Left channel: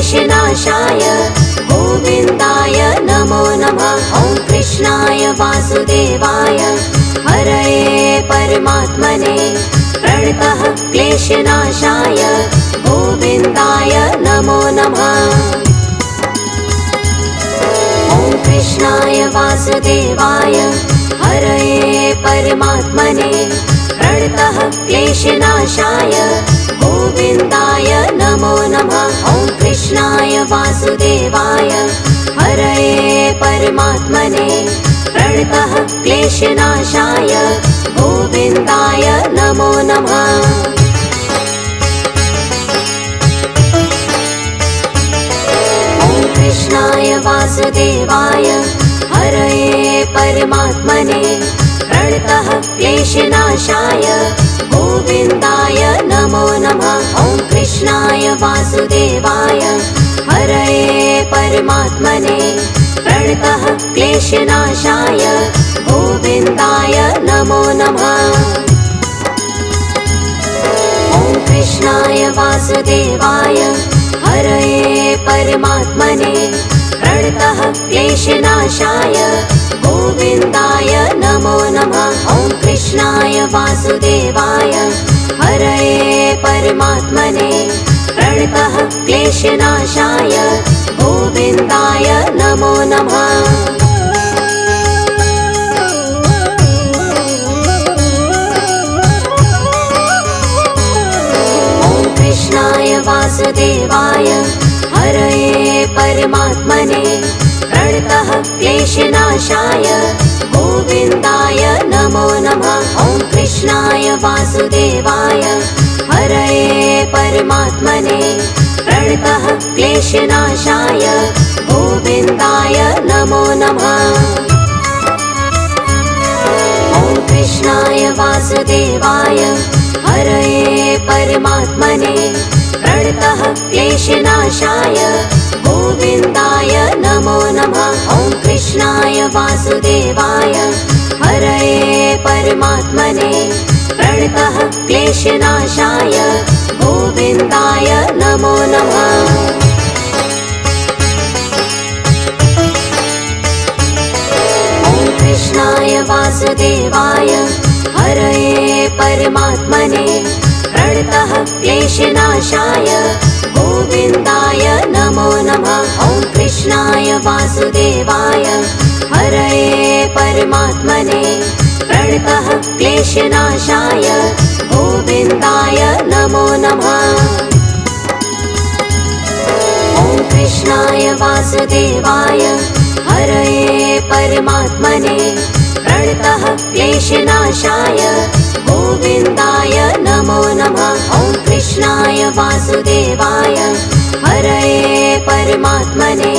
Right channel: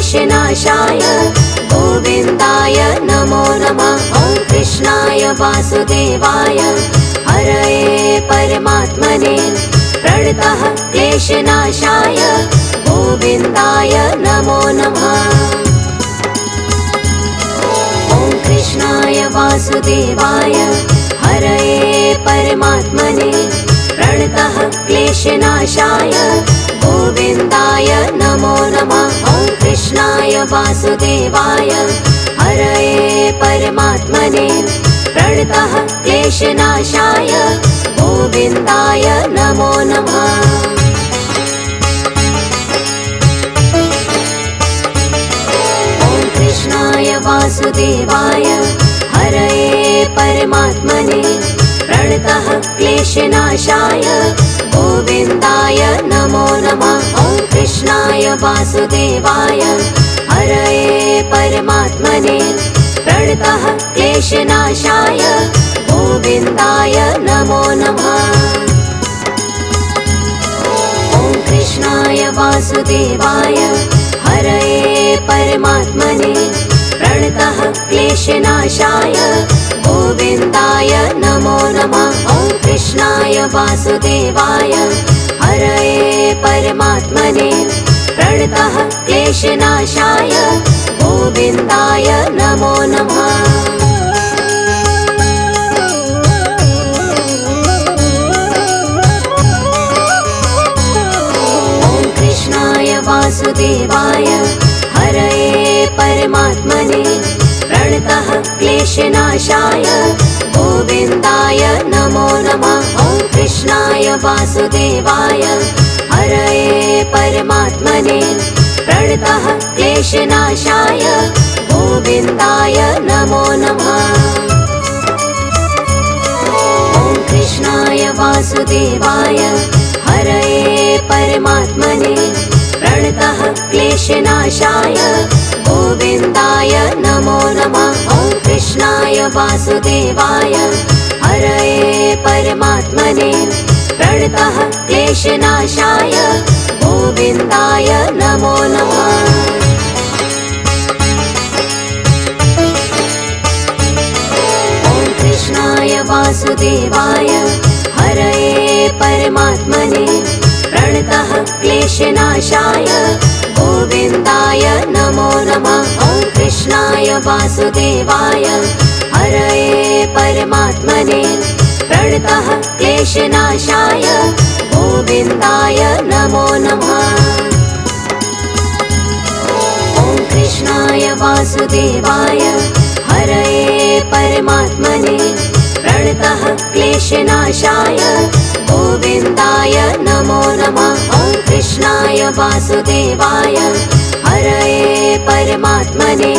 क्लेशनाशाय गोविन्दाय नमो नमः। ॐ कृष्णाय वासुदेवाय हरये परमात्मने प्रणतः क्लेशनाशाय गोविन्दाय नमो नमः। ॐ कृष्णाय वासुदेवाय हरये परमात्मने प्रणतः क्लेशनाशाय गोविन्दाय नमो नमः। ॐ कृष्णाय वासुदेवाय हरये परमात्मने प्रणतः क्लेशनाशाय गोविन्दाय नमो नमः। ॐ कृष्णाय वासुदेवाय हरये परमात्मने प्रणतः क्लेशनाशाय गोविन्दाय नमो नमः। ॐ कृष्णाय वासुदेवाय हरये परमात्मने प्रणतः क्लेशनाशाय गोविन्दाय नमो नमः। ॐ कृष्णाय वासुदेवाय हरये परमात्मने प्रणतः क्लेशनाशाय गोविन्दाय नमो नमः। ॐ कृष्णाय वासुदेवाय हरये परमात्मने प्रणतः क्लेशनाशाय गोविन्दाय नमो नमः। ॐ कृष्णाय वासुदेवाय हरये परमात्मने प्रणतः क्लेशनाशाय गोविन्दाय नमो नमः। ॐ कृष्णाय वासुदेवाय हरये परमात्मने प्रणतः क्लेशनाशाय गोविन्दाय नमो नमः। ॐ कृष्णाय वासुदेवाय हरये परमात्मने प्रणतः क्लेशनाशाय गोविन्दाय नमो नमः। ॐ कृष्णाय वासुदेवाय हरये परमात्मने प्रणतः क्लेशनाशाय गोविन्दाय नमो नमः। ॐ कृष्णाय वासुदेवाय हरये परमात्मने प्रणतः क्लेशनाशाय गोविन्दाय नमो नमः। ॐ कृष्णाय वासुदेवाय हरये परमात्मने प्रणतः क्लेशनाशाय गोविन्दाय नमो नमः। ॐ कृष्णाय वासुदेवाय हरये परमात्मने प्रणतः क्लेशनाशाय गोविन्दाय नमो नमः। ॐ कृष्णाय वासुदेवाय हरये परमात्मने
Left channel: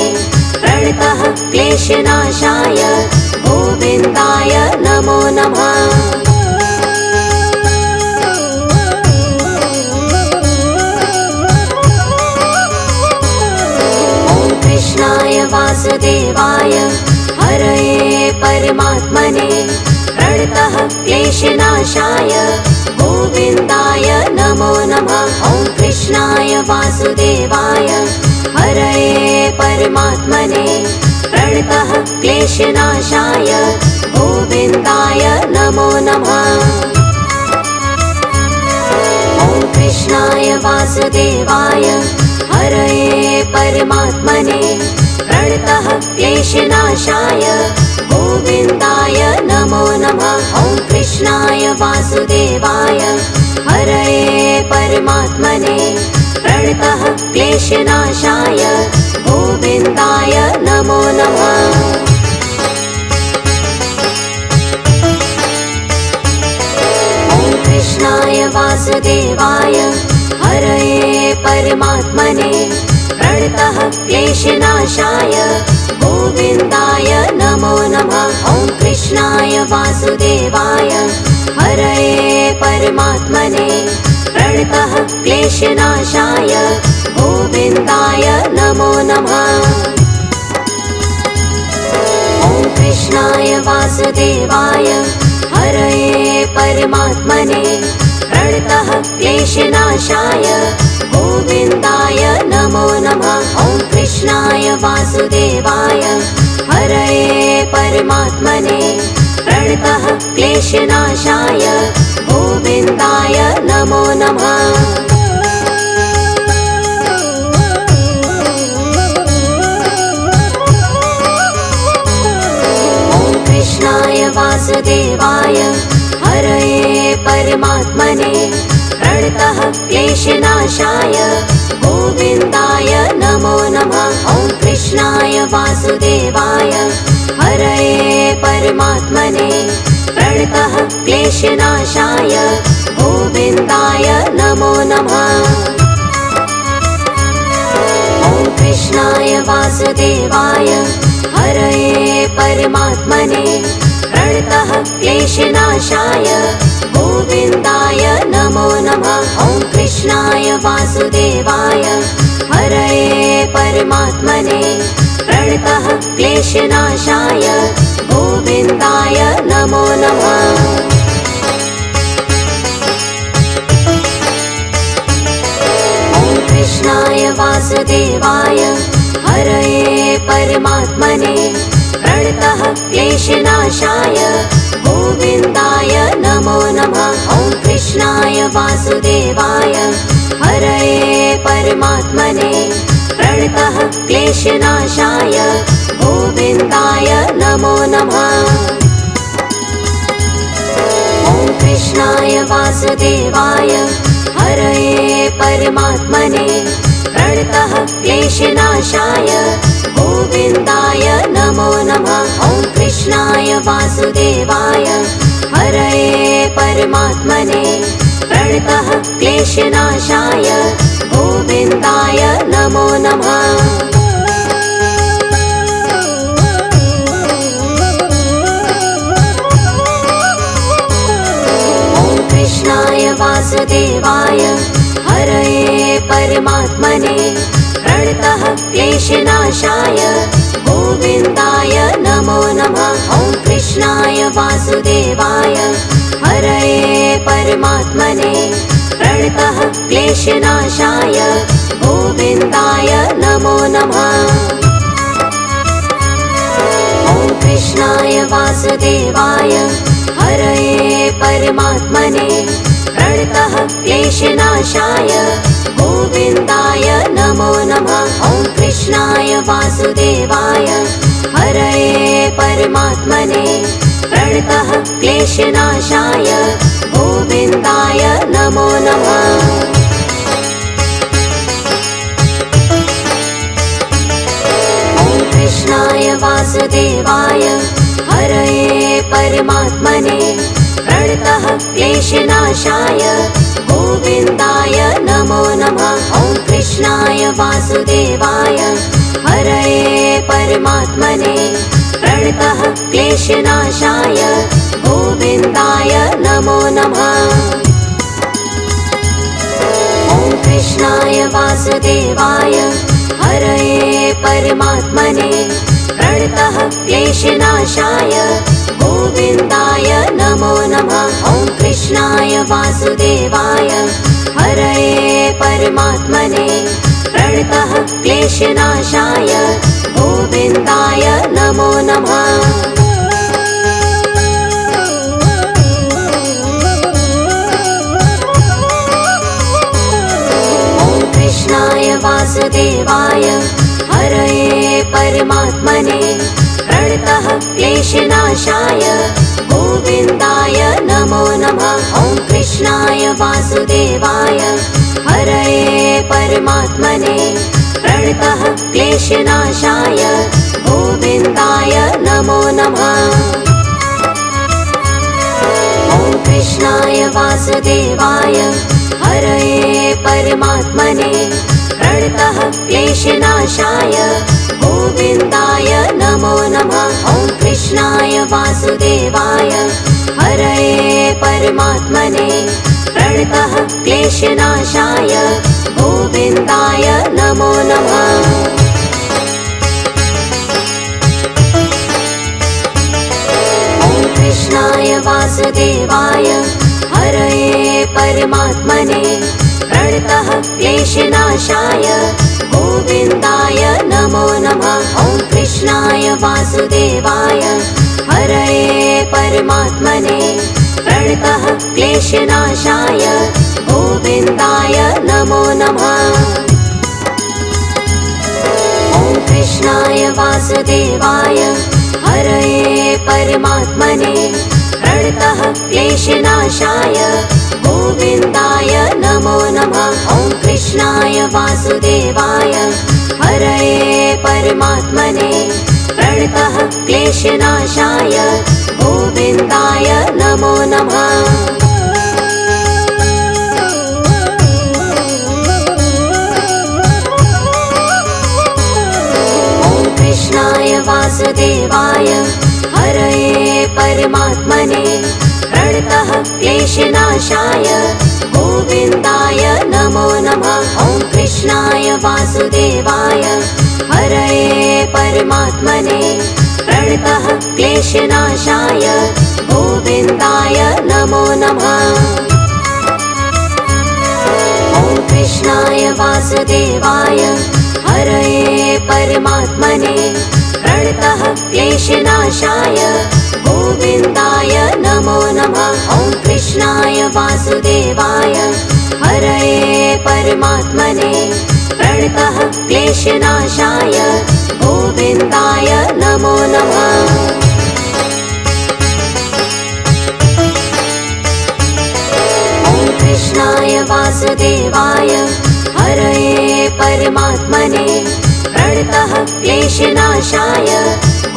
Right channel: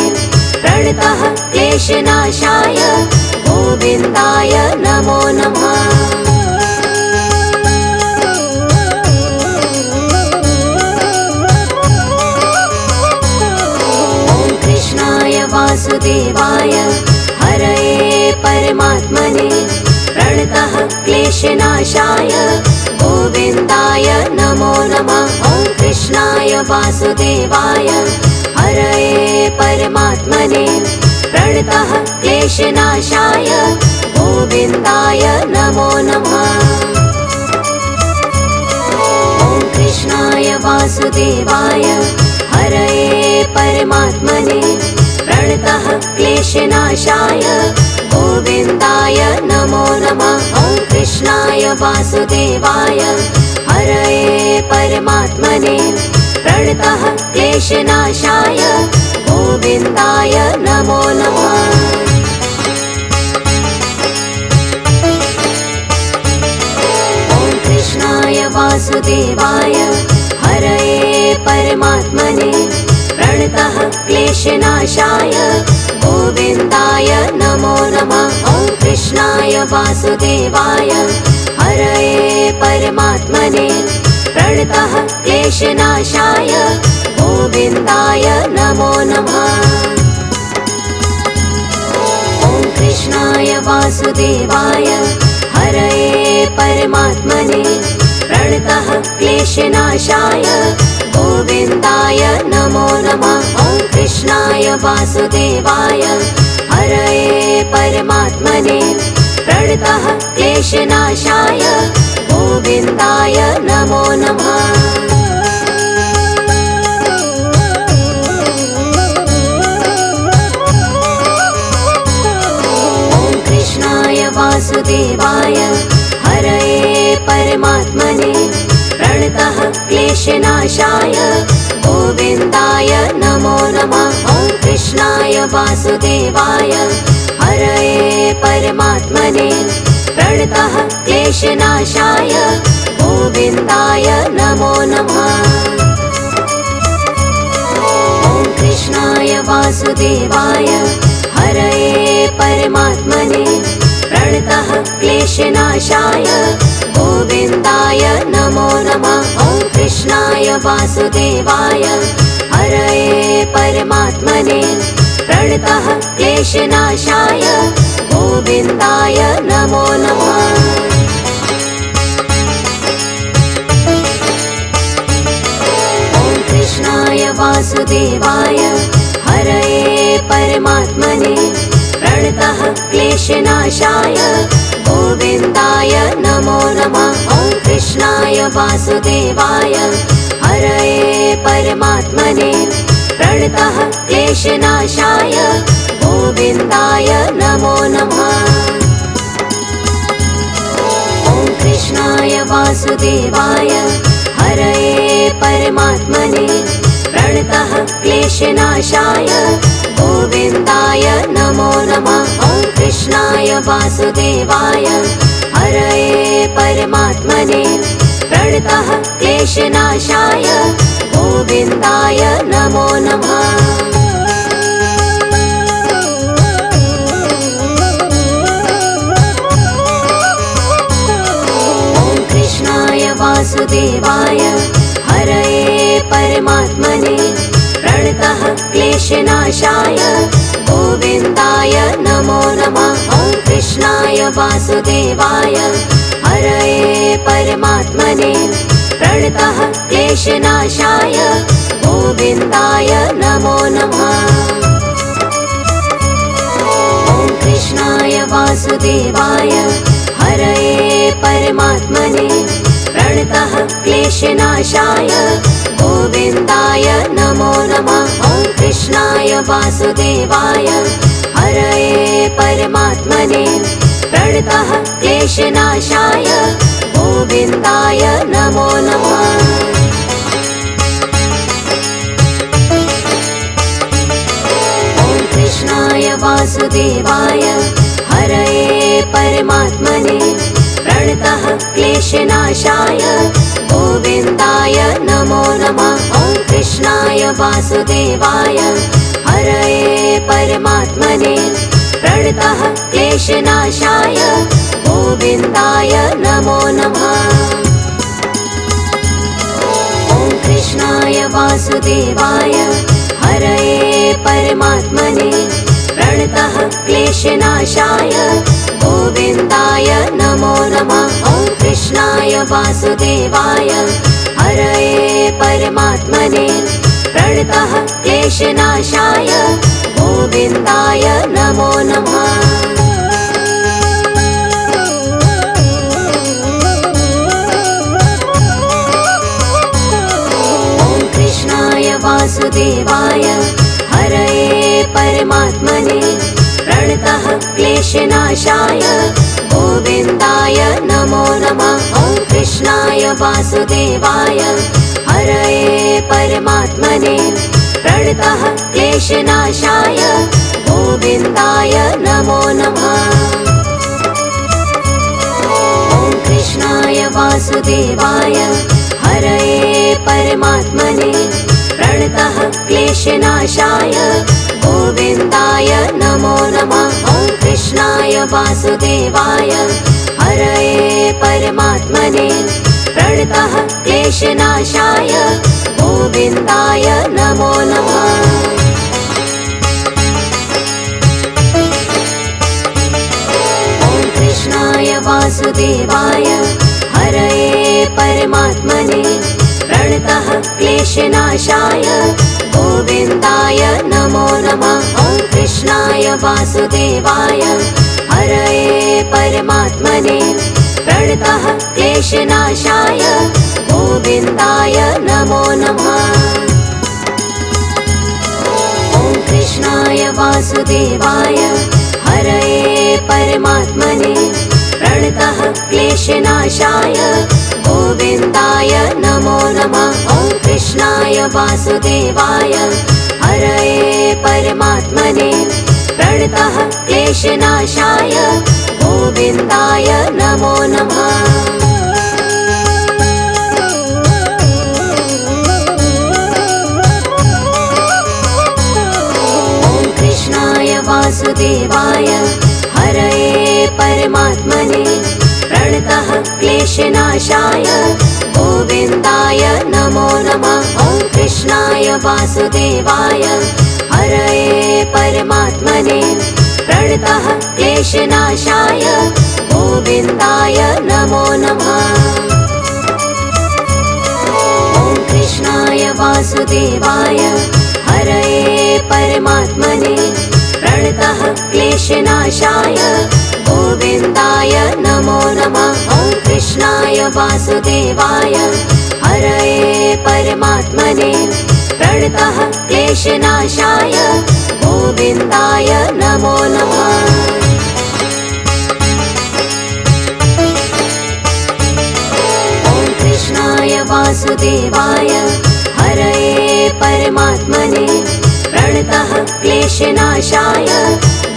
प्रणतः क्लेशनाशाय गोविन्दाय नमो नमः। ॐ कृष्णाय वासुदेवाय हरये परमात्मने प्रणतः क्लेशनाशाय गोविन्दाय नमो नमः। ॐ कृष्णाय वासुदेवाय हरये परमात्मने प्रणतः क्लेशनाशाय गोविन्दाय नमो नमः। ॐ कृष्णाय वासुदेवाय हरये परमात्मने प्रणतः क्लेशनाशाय गोविन्दाय नमो नमः। ॐ कृष्णाय वासुदेवाय हरये परमात्मने प्रणतः क्लेशनाशाय गोविन्दाय नमो नमः। ॐ कृष्णाय वासुदेवाय हरये परमात्मने प्रणतः क्लेशनाशाय गोविन्दाय नमो नमः। ॐ कृष्णाय वासुदेवाय हरये परमात्मने प्रणतः क्लेशनाशाय गोविन्दाय नमो नमः। ॐ कृष्णाय वासुदेवाय हरये परमात्मने प्रणतः क्लेशनाशाय गोविन्दाय नमो नमः। वासुदेवाय हरये परमात्मने प्रणतः क्लेशनाशाय गोविन्दाय नमो नमः। वासुदेवाय हरये परमात्मने प्रणतः क्लेशनाशाय गोविन्दाय नमो नमः। ॐ कृष्णाय वासुदेवाय हरये परमात्मने प्रणतः क्लेशनाशाय गोविन्दाय नमो नमः। ॐ कृष्णाय वासुदेवाय हरये परमात्मने प्रणतः क्लेशनाशाय गोविन्दाय नमो नमः। ॐ कृष्णाय वासुदेवाय हरये परमात्मने प्रणतः क्लेशनाशाय गोविन्दाय नमो नमः। ॐ कृष्णाय वासुदेवाय हरये परमात्मने प्रणतः क्लेशनाशाय गोविन्दाय नमो नमः। ॐ कृष्णाय वासुदेवाय हरये परमात्मने प्रणतः क्लेशनाशाय गोविन्दाय नमो नमः। ॐ कृष्णाय वासुदेवाय हरये परमात्मने प्रणतः क्लेशनाशाय गोविन्दाय नमो नमः। ॐ कृष्णाय वासुदेवाय हरये परमात्मने प्रणतः क्लेशनाशाय गोविन्दाय नमो नमः। ॐ कृष्णाय वासुदेवाय हरये परमात्मने प्रणतः क्लेशनाशाय गोविन्दाय नमो नमः। ॐ कृष्णाय वासुदेवाय हरये परमात्मने प्रणतः क्लेशनाशाय गोविन्दाय नमो नमः। ॐ कृष्णाय वासुदेवाय हरये परमात्मने प्रणतः क्लेशनाशाय गोविन्दाय नमो नमः। ॐ कृष्णाय वासुदेवाय हरये परमात्मने प्रणतः क्लेशनाशाय गोविन्दाय नमो नमः। ॐ कृष्णाय वासुदेवाय हरये परमात्मने प्रणतः क्लेशनाशाय गोविन्दाय नमो नमः। ॐ कृष्णाय वासुदेवाय हरये परमात्मने प्रणतः क्लेशनाशाय गोविन्दाय नमो नमः। ॐ कृष्णाय वासुदेवाय हरये परमात्मने प्रणतः क्लेशनाशाय गोविन्दाय नमो नमः। ॐ कृष्णाय वासुदेवाय हरये परमात्मने प्रणतः क्लेशनाशाय गोविन्दाय नमो नमः। ॐ कृष्णाय वासुदेवाय हरये परमात्मने प्रणतः क्लेशनाशाय गोविन्दाय नमो नमः। ॐ कृष्णाय वासुदेवाय हरये परमात्मने प्रणतः क्लेशनाशाय गोविन्दाय नमो नमः। ॐ कृष्णाय वासुदेवाय हरये परमात्मने प्रणतः क्लेशनाशाय गोविन्दाय नमो नमः। ॐ कृष्णाय वासुदेवाय हरये परमात्मने प्रणतः क्लेशनाशाय गोविन्दाय नमो नमः। ॐ कृष्णाय वासुदेवाय हरये परमात्मने प्रणतः क्लेशनाशाय गोविन्दाय नमो नमः। ॐ वासुदेवाय हरये परमात्मने प्रणतः क्लेशनाशाय गोविन्दाय नमो नमः। ॐ कृष्णाय वासुदेवाय हरये परमात्मने प्रणतः क्लेशनाशाय गोविन्दाय नमो नमः। ॐ कृष्णाय वासुदेवाय हरये परमात्मने प्रणतः क्लेशनाशाय गोविन्दाय नमो नमः। ॐ कृष्णाय वासुदेवाय हरये परमात्मने प्रणतः क्लेशनाशाय गोविन्दाय नमो नमः। ॐ कृष्णाय वासुदेवाय हरये परमात्मने प्रणतः क्लेशनाशाय गोविन्दाय नमो नमः। ॐ कृष्णाय वासुदेवाय हरये परमात्मने प्रणतः क्लेशनाशाय गोविन्दाय नमो नमः। ॐ कृष्णाय वासुदेवाय हरये परमात्मने प्रणतः क्लेशनाशाय गोविन्दाय नमो नमः। ॐ कृष्णाय वासुदेवाय हरये परमात्मने प्रणतः क्लेशनाशाय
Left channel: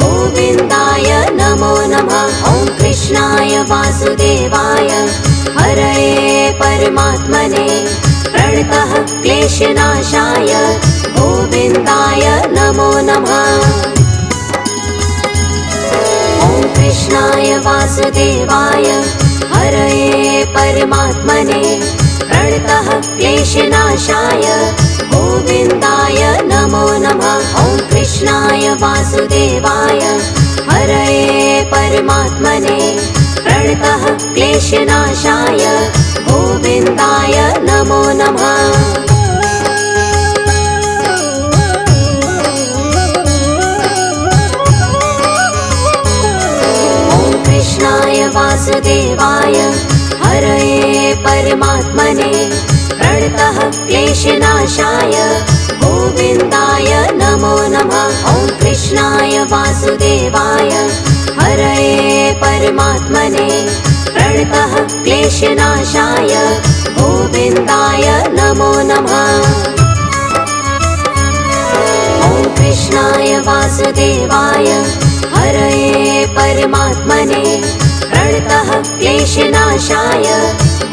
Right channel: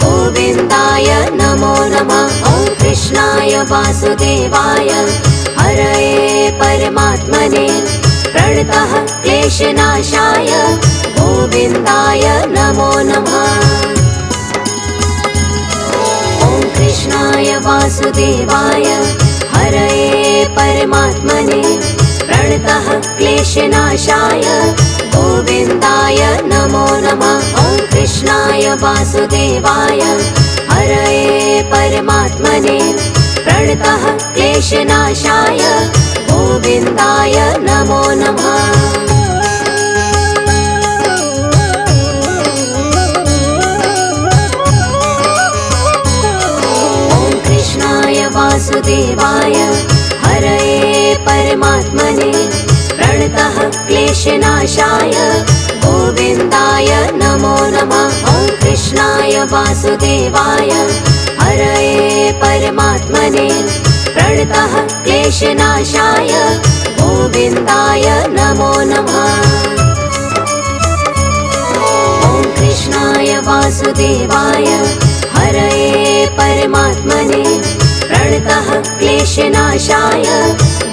गोविन्दाय नमो नमः। ॐ कृष्णाय वासुदेवाय हरये परमात्मने प्रणतः क्लेशनाशाय गोविन्दाय नमो नमः। ॐ कृष्णाय वासुदेवाय हरये परमात्मने प्रणतः क्लेशनाशाय गोविन्दाय नमो नमः। ॐ कृष्णाय वासुदेवाय हरये परमात्मने प्रणतः क्लेशनाशाय गोविन्दाय नमो नमः। ॐ कृष्णाय वासुदेवाय हरये परमात्मने प्रणतः क्लेशनाशाय गोविन्दाय नमो नमः। ॐ कृष्णाय वासुदेवाय हरये परमात्मने प्रणतः क्लेशनाशाय गोविन्दाय नमो नमः। ॐ कृष्णाय वासुदेवाय हरये परमात्मने प्रणतः क्लेशनाशाय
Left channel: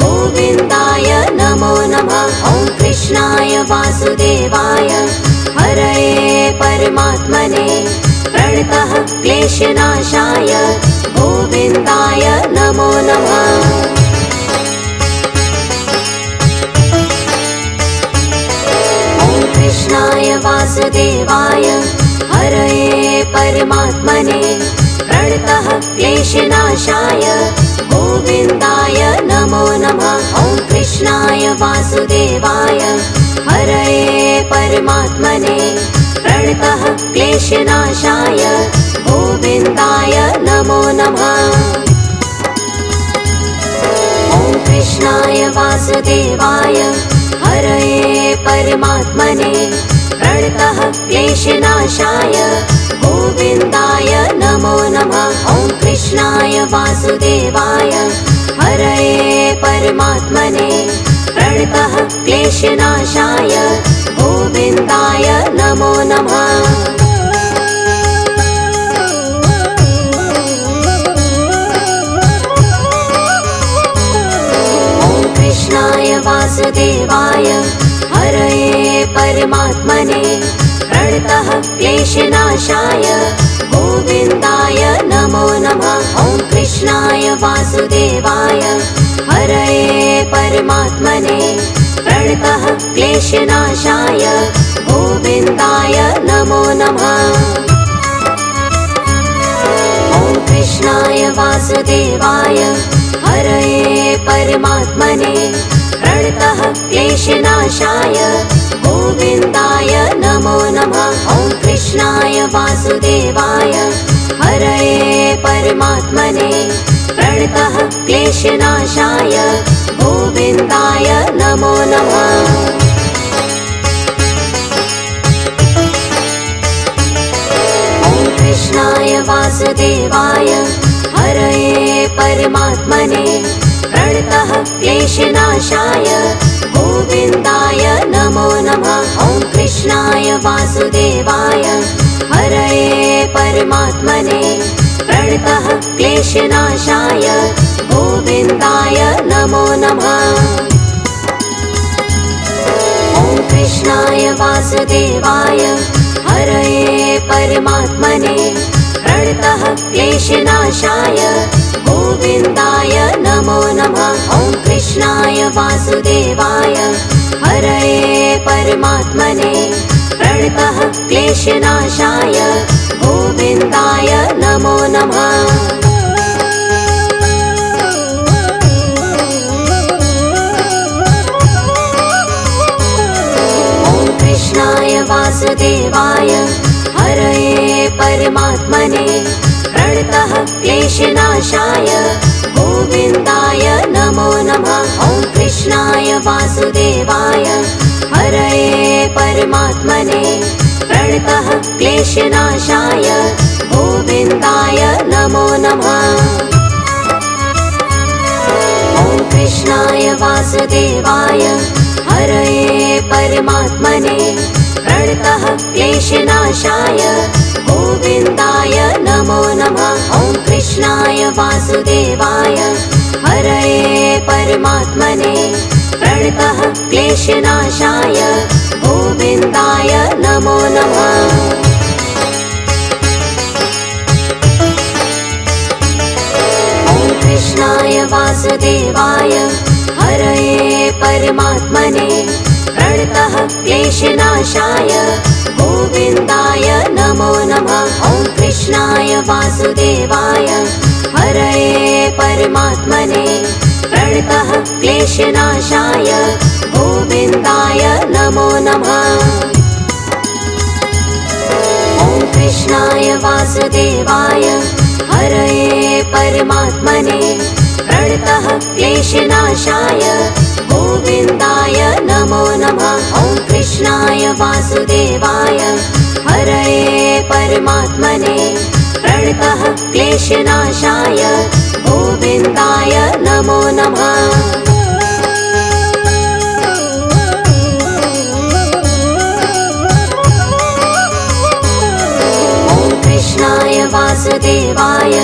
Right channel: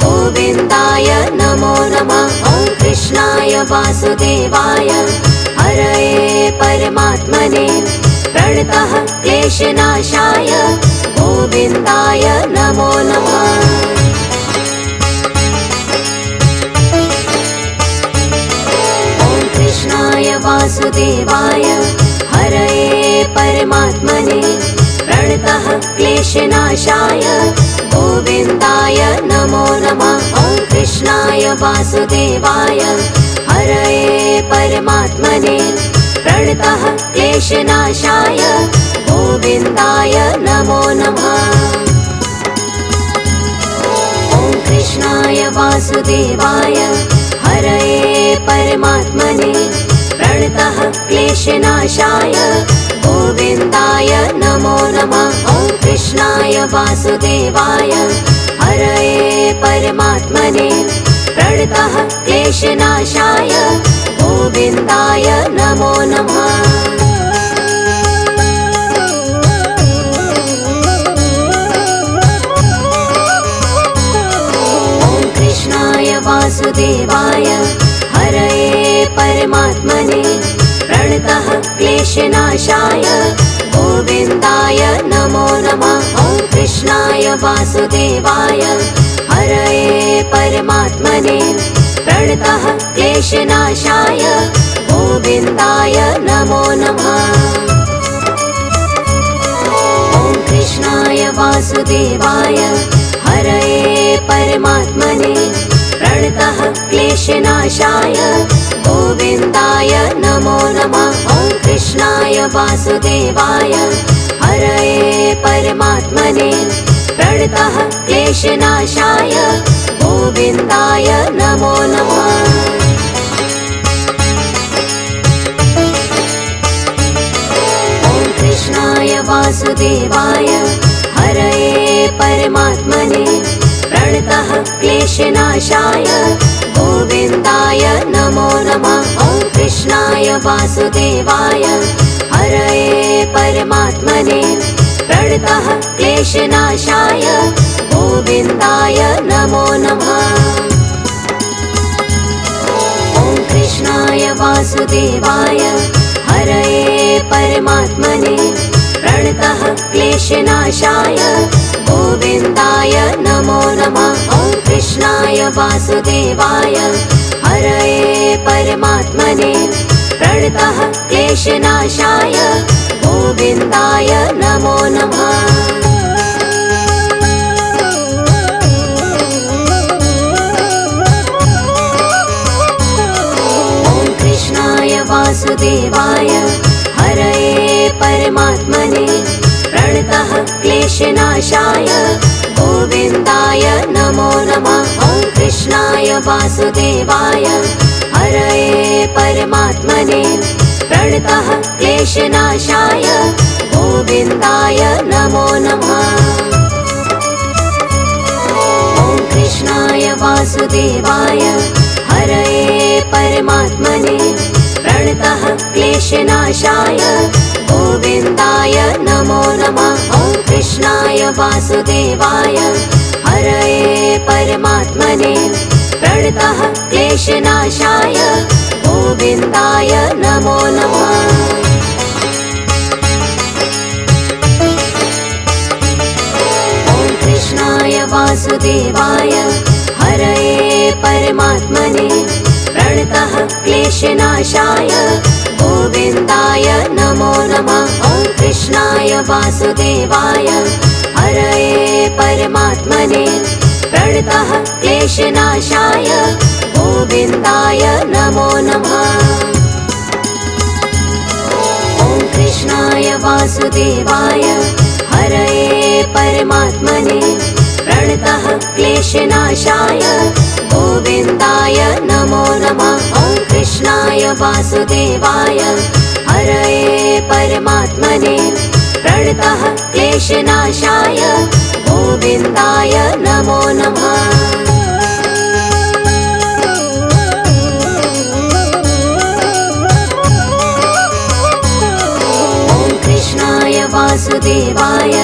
गोविन्दाय नमो नमः। ॐ कृष्णाय वासुदेवाय हरये परमात्मने प्रणतः क्लेशनाशाय गोविन्दाय नमो नमः। ॐ कृष्णाय वासुदेवाय हरये परमात्मने प्रणतः क्लेशनाशाय गोविन्दाय नमो नमः। ॐ कृष्णाय वासुदेवाय हरये परमात्मने प्रणतः क्लेशनाशाय गोविन्दाय नमो नमः। ॐ कृष्णाय वासुदेवाय हरये परमात्मने प्रणतः क्लेशनाशाय गोविन्दाय नमो नमः। ॐ कृष्णाय वासुदेवाय हरये परमात्मने प्रणतः क्लेशनाशाय गोविन्दाय नमो नमः। ॐ कृष्णाय वासुदेवाय हरये परमात्मने प्रणतः क्लेशनाशाय गोविन्दाय नमो नमः। ॐ कृष्णाय वासुदेवाय हरये परमात्मने प्रणतः क्लेशनाशाय गोविन्दाय नमो नमः। ॐ कृष्णाय वासुदेवाय हरये परमात्मने प्रणतः क्लेशनाशाय गोविन्दाय नमो नमः। ॐ कृष्णाय वासुदेवाय हरये परमात्मने प्रणतः क्लेशनाशाय गोविन्दाय नमो नमः। कृष्णाय वासुदेवाय हरये परमात्मने प्रणतः क्लेशनाशाय गोविन्दाय नमो नमः। ॐ कृष्णाय वासुदेवाय हरये परमात्मने प्रणतः क्लेशनाशाय गोविन्दाय नमो नमः। ॐ कृष्णाय वासुदेवाय हरये परमात्मने प्रणतः क्लेशनाशाय गोविन्दाय नमो नमः। ॐ कृष्णाय वासुदेवाय हरये परमात्मने प्रणतः क्लेशनाशाय गोविन्दाय नमो नमः। वासुदेवाय हरये परमात्मने प्रणतः क्लेशनाशाय गोविन्दाय नमो नमः। ॐ कृष्णाय वासुदेवाय हरये परमात्मने प्रणतः क्लेशनाशाय गोविन्दाय नमो नमः। ॐ कृष्णाय वासुदेवाय हरये परमात्मने प्रणतः क्लेशनाशाय गोविन्दाय नमो नमः। ॐ कृष्णाय वासुदेवाय हरये परमात्मने प्रणतः क्लेशनाशाय गोविन्दाय नमो नमः। ॐ कृष्णाय वासुदेवाय हरये परमात्मने प्रणतः क्लेशनाशाय गोविन्दाय नमो नमः। ॐ कृष्णाय वासुदेवाय हरये परमात्मने प्रणतः क्लेशनाशाय गोविन्दाय नमो नमः। ॐ कृष्णाय वासुदेवाय हरये परमात्मने प्रणतः क्लेशनाशाय गोविन्दाय नमो नमः। ॐ कृष्णाय वासुदेवाय हरये परमात्मने प्रणतः क्लेशनाशाय गोविन्दाय नमो नमः। ॐ कृष्णाय वासुदेवाय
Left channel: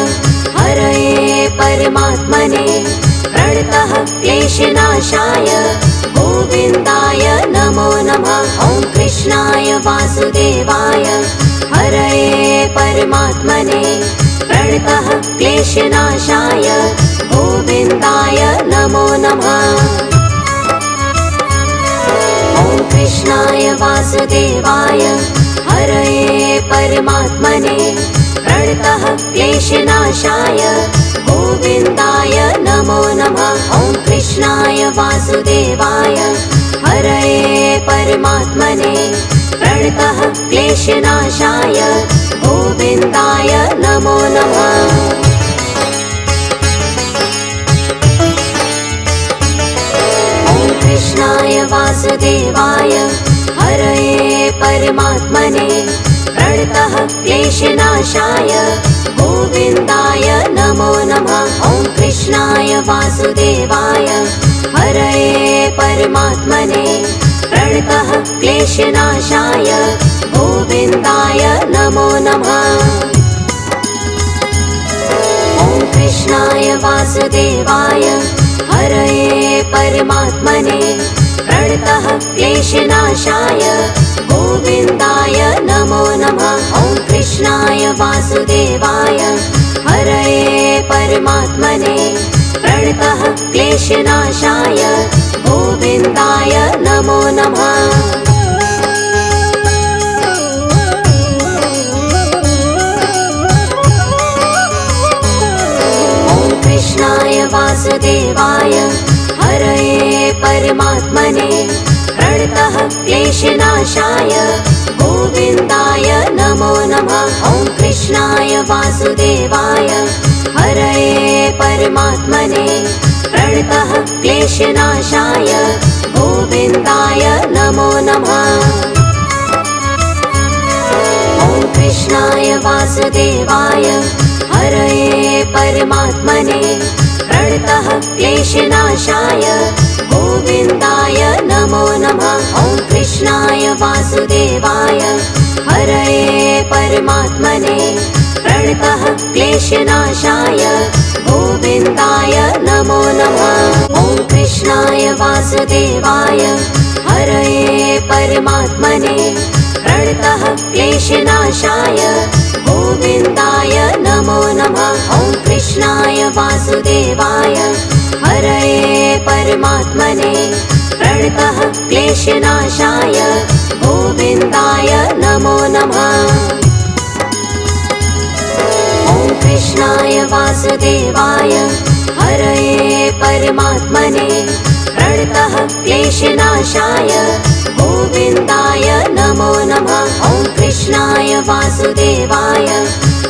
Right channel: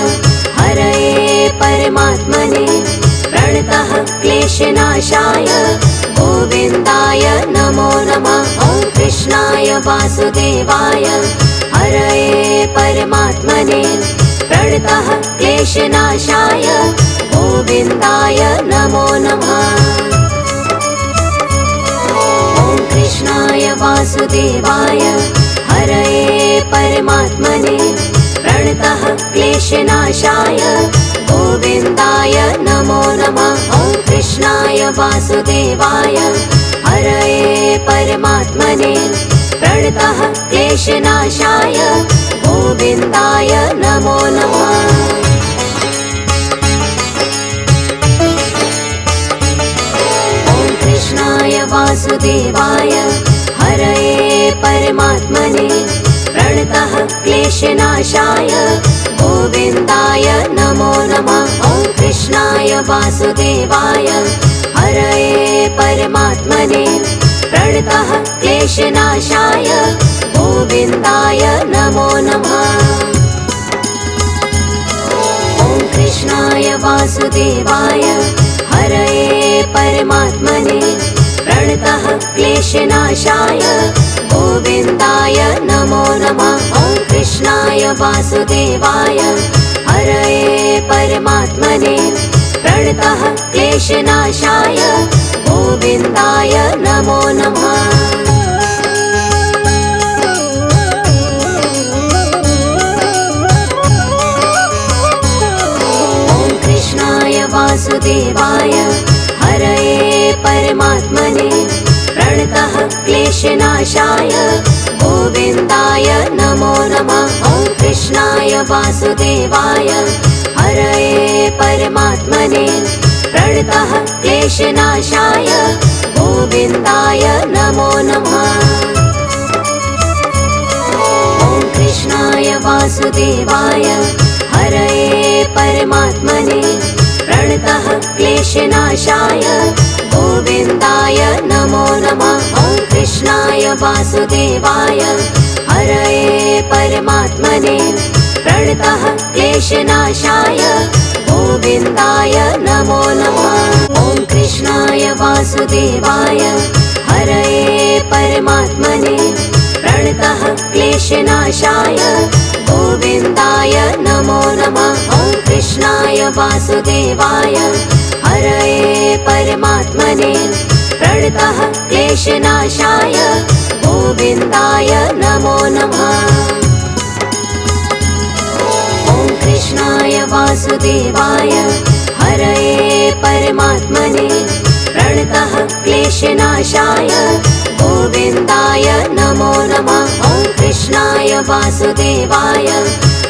हरये परमात्मने प्रणतः क्लेशनाशाय गोविन्दाय नमो नमः। ॐ कृष्णाय वासुदेवाय हरये परमात्मने प्रणतः क्लेशनाशाय गोविन्दाय नमो नमः। ॐ कृष्णाय वासुदेवाय हरये परमात्मने प्रणतः क्लेशनाशाय गोविन्दाय नमो नमः। ॐ कृष्णाय वासुदेवाय हरये परमात्मने प्रणतः क्लेशनाशाय गोविन्दाय नमो नमः। ॐ कृष्णाय वासुदेवाय हरये परमात्मने प्रणतः क्लेशनाशाय गोविन्दाय नमो नमः। ॐ कृष्णाय वासुदेवाय हरये परमात्मने प्रणतः क्लेशनाशाय गोविन्दाय नमो नमः। ॐ कृष्णाय वासुदेवाय हरये परमात्मने प्रणतः क्लेशनाशाय गोविन्दाय नमो नमः। ॐ कृष्णाय वासुदेवाय हरये परमात्मने प्रणतः क्लेशनाशाय गोविन्दाय नमो नमः। ॐ कृष्णाय वासुदेवाय हरये परमात्मने प्रणतः क्लेशनाशाय गोविन्दाय नमो नमः। कृष्णाय वासुदेवाय हरये परमात्मने प्रणतः क्लेशनाशाय गोविन्दाय नमो नमः। ॐ कृष्णाय वासुदेवाय हरये परमात्मने प्रणतः क्लेशनाशाय गोविन्दाय नमो नमः। ॐ कृष्णाय वासुदेवाय हरये परमात्मने प्रणतः क्लेशनाशाय गोविन्दाय नमो नमः। ॐ कृष्णाय वासुदेवाय हरये परमात्मने प्रणतः क्लेशनाशाय गोविन्दाय नमो नमः। ॐ कृष्णाय वासुदेवाय हरये परमात्मने प्रणतः क्लेशनाशाय गोविन्दाय नमो नमः। ॐ कृष्णाय वासुदेवाय हरये परमात्मने प्रणतः क्लेशनाशाय गोविन्दाय नमो नमः। ॐ कृष्णाय वासुदेवाय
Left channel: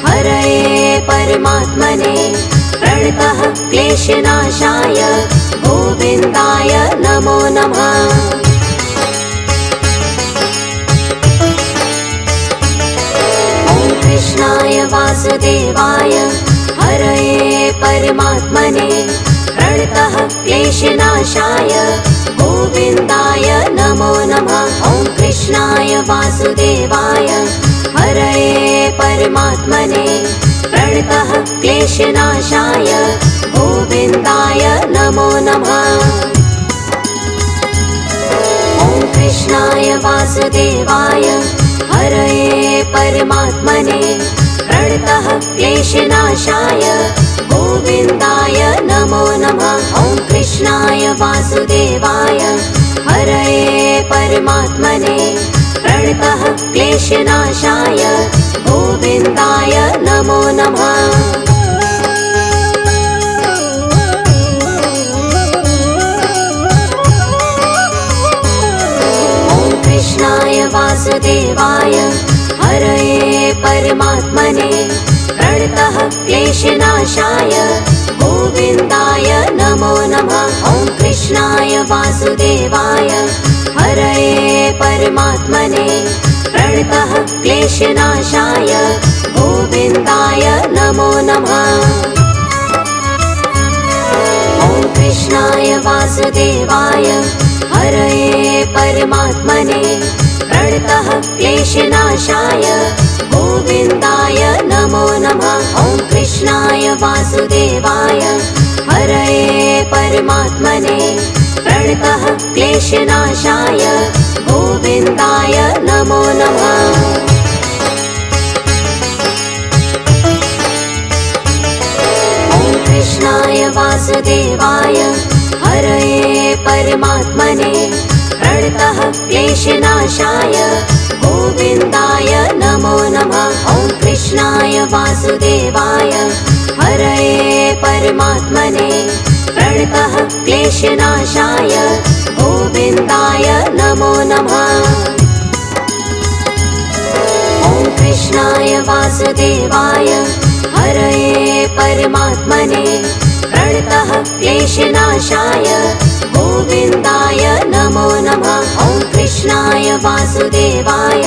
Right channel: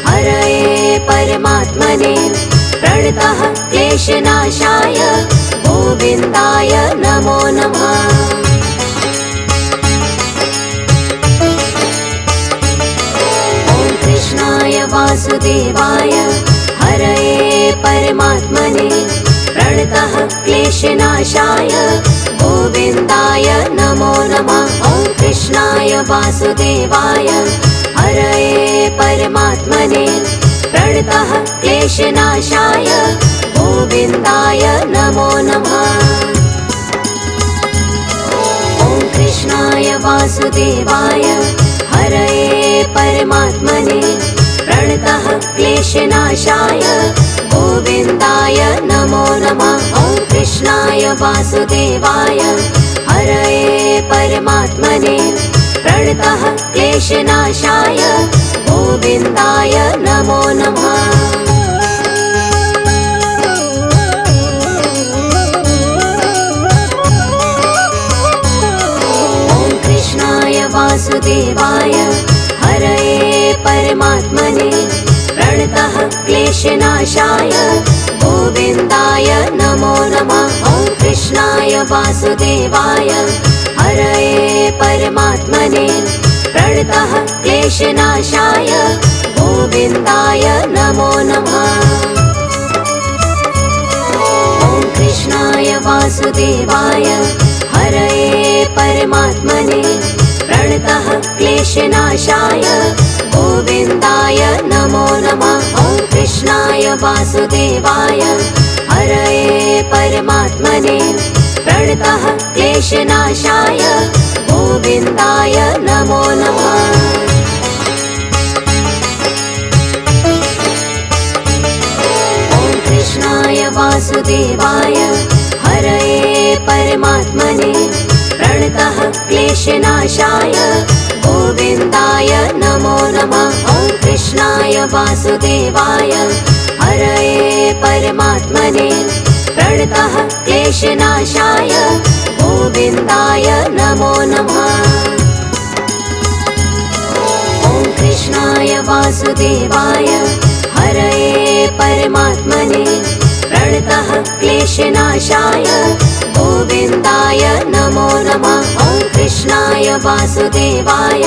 हरये परमात्मने प्रणतः क्लेशनाशाय गोविन्दाय नमो नमः। ॐ कृष्णाय वासुदेवाय हरये परमात्मने प्रणतः क्लेशनाशाय गोविन्दाय नमो नमः। ॐ कृष्णाय वासुदेवाय हरये परमात्मने प्रणतः क्लेशनाशाय गोविन्दाय नमो नमः। ॐ कृष्णाय वासुदेवाय हरये परमात्मने प्रणतः क्लेशनाशाय गोविन्दाय नमो नमः। ॐ कृष्णाय वासुदेवाय हरये परमात्मने प्रणतः क्लेशनाशाय गोविन्दाय नमो नमः। ॐ कृष्णाय वासुदेवाय हरये परमात्मने प्रणतः क्लेशनाशाय गोविन्दाय नमो नमः। ॐ कृष्णाय वासुदेवाय हरये परमात्मने प्रणतः क्लेशनाशाय गोविन्दाय नमो नमः। ॐ कृष्णाय वासुदेवाय हरये परमात्मने प्रणतः क्लेशनाशाय गोविन्दाय नमो नमः। ॐ कृष्णाय वासुदेवाय हरये परमात्मने प्रणतः क्लेशनाशाय गोविन्दाय नमो नमः। ॐ कृष्णाय वासुदेवाय हरये परमात्मने प्रणतः क्लेशनाशाय गोविन्दाय नमो नमः। ॐ कृष्णाय वासुदेवाय हरये परमात्मने प्रणतः क्लेशनाशाय गोविन्दाय नमो नमः। ॐ कृष्णाय वासुदेवाय हरये परमात्मने प्रणतः क्लेशनाशाय गोविन्दाय नमो नमः। ॐ कृष्णाय वासुदेवाय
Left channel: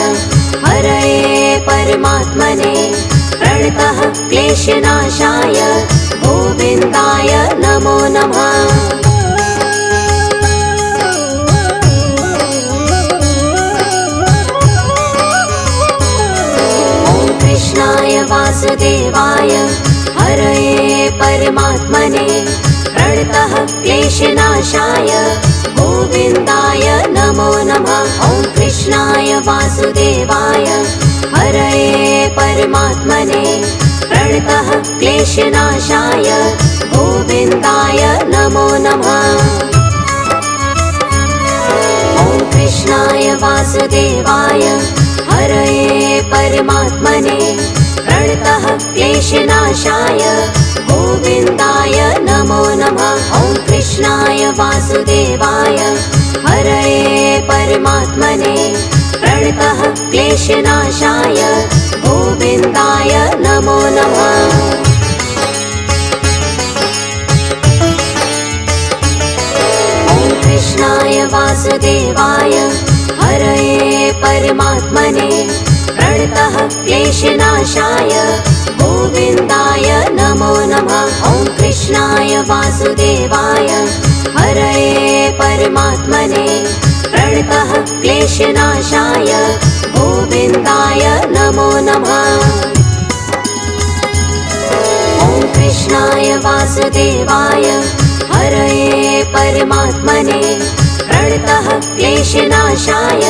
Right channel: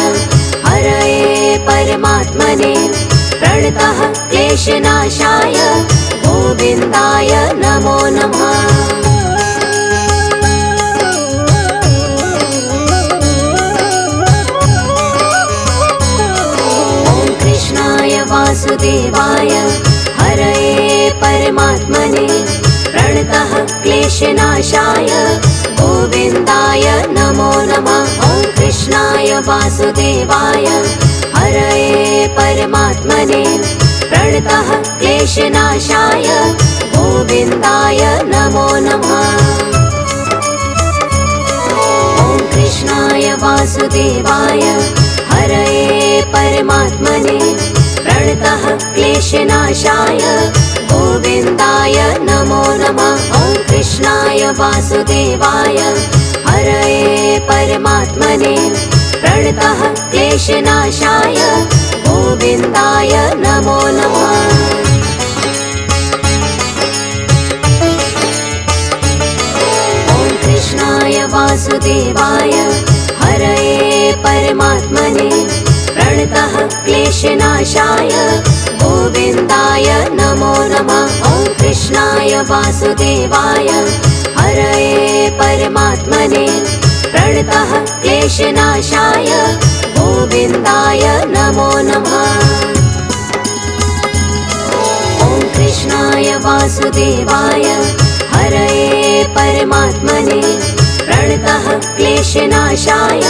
हरये परमात्मने प्रणतः क्लेशनाशाय गोविन्दाय नमो नमः। ॐ कृष्णाय वासुदेवाय हरये परमात्मने प्रणतः क्लेशनाशाय गोविन्दाय नमो नमः। ॐ कृष्णाय वासुदेवाय हरये परमात्मने प्रणतः क्लेशनाशाय गोविन्दाय नमो नमः। ॐ कृष्णाय वासुदेवाय हरये परमात्मने प्रणतः क्लेशनाशाय गोविन्दाय नमो नमः। ॐ कृष्णाय वासुदेवाय हरये परमात्मने प्रणतः क्लेशनाशाय गोविन्दाय नमो नमः। ॐ कृष्णाय वासुदेवाय हरये परमात्मने प्रणतः क्लेशनाशाय गोविन्दाय नमो नमः। ॐ कृष्णाय वासुदेवाय हरये परमात्मने प्रणतः क्लेशनाशाय गोविन्दाय नमो नमः। ॐ कृष्णाय वासुदेवाय हरये परमात्मने प्रणतः क्लेशनाशाय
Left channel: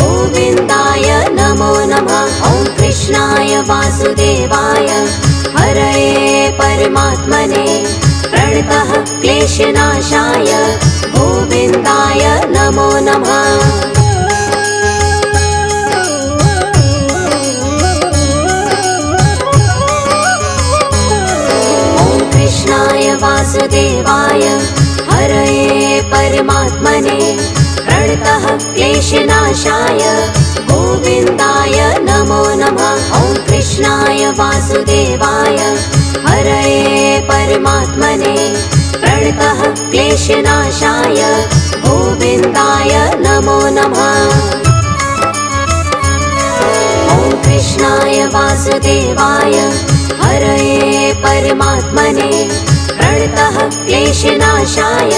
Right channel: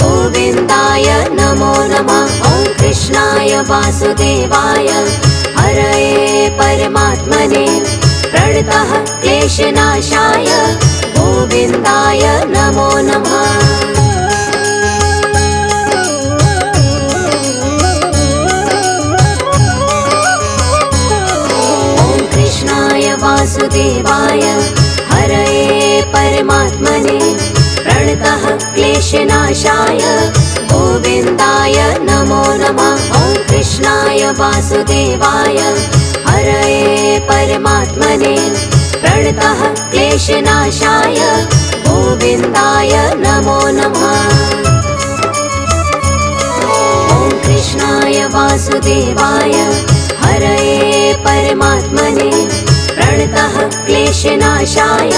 गोविन्दाय नमो नमः। ॐ कृष्णाय वासुदेवाय हरये परमात्मने प्रणतः क्लेशनाशाय गोविन्दाय नमो नमः। ॐ कृष्णाय वासुदेवाय हरये परमात्मने प्रणतः क्लेशनाशाय गोविन्दाय नमो नमः। ॐ कृष्णाय वासुदेवाय हरये परमात्मने प्रणतः क्लेशनाशाय गोविन्दाय नमो नमः। ॐ कृष्णाय वासुदेवाय हरये परमात्मने प्रणतः क्लेशनाशाय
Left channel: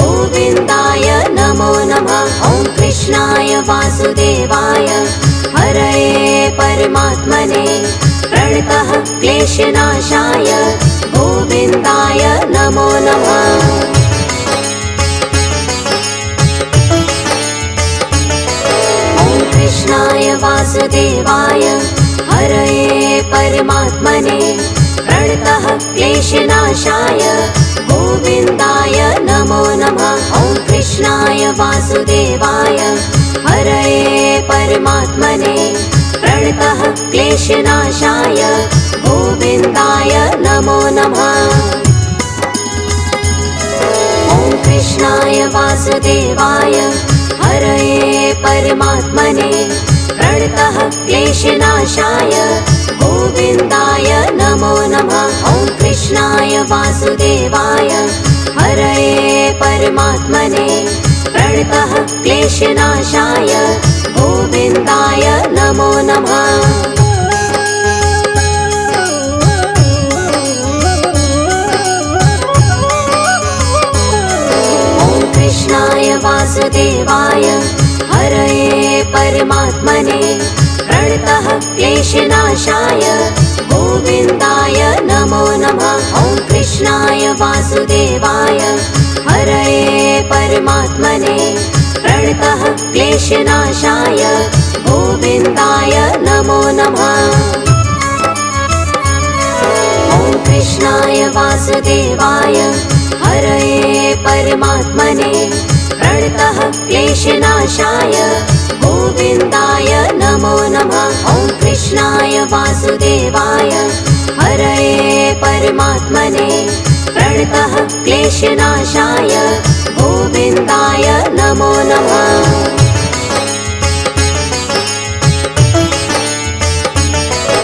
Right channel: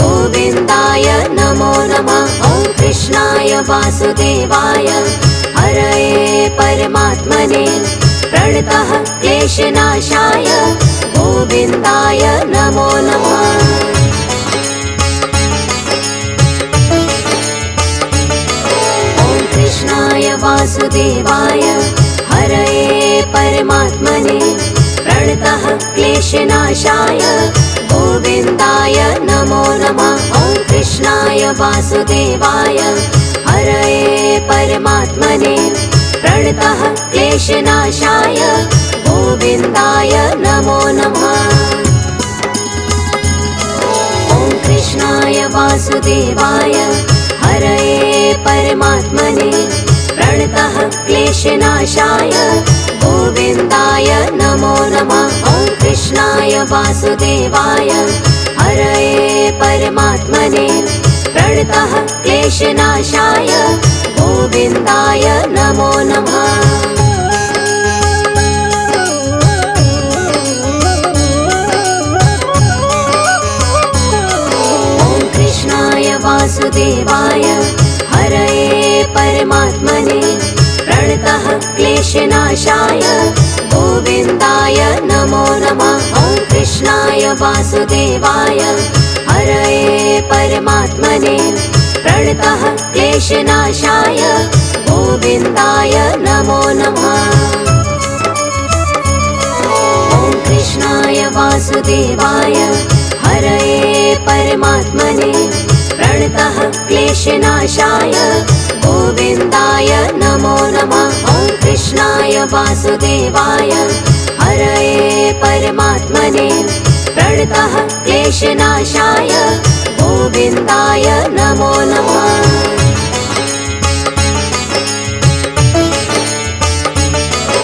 गोविन्दाय नमो नमः। ॐ कृष्णाय वासुदेवाय हरये परमात्मने प्रणतः क्लेशनाशाय गोविन्दाय नमो नमः। ॐ कृष्णाय वासुदेवाय हरये परमात्मने प्रणतः क्लेशनाशाय गोविन्दाय नमो नमः। ॐ कृष्णाय वासुदेवाय हरये परमात्मने प्रणतः क्लेशनाशाय गोविन्दाय नमो नमः। ॐ कृष्णाय वासुदेवाय हरये परमात्मने प्रणतः क्लेशनाशाय गोविन्दाय नमो नमः। ॐ कृष्णाय वासुदेवाय हरये परमात्मने प्रणतः क्लेशनाशाय गोविन्दाय नमो नमः। ॐ कृष्णाय वासुदेवाय हरये परमात्मने प्रणतः क्लेशनाशाय गोविन्दाय नमो नमः। ॐ कृष्णाय वासुदेवाय हरये परमात्मने प्रणतः क्लेशनाशाय गोविन्दाय नमो नमः। ॐ कृष्णाय वासुदेवाय हरये परमात्मने प्रणतः क्लेशनाशाय गोविन्दाय नमो नमः। ॐ कृष्णाय वासुदेवाय हरये परमात्मने प्रणतः क्लेशनाशाय गोविन्दाय नमो नमः।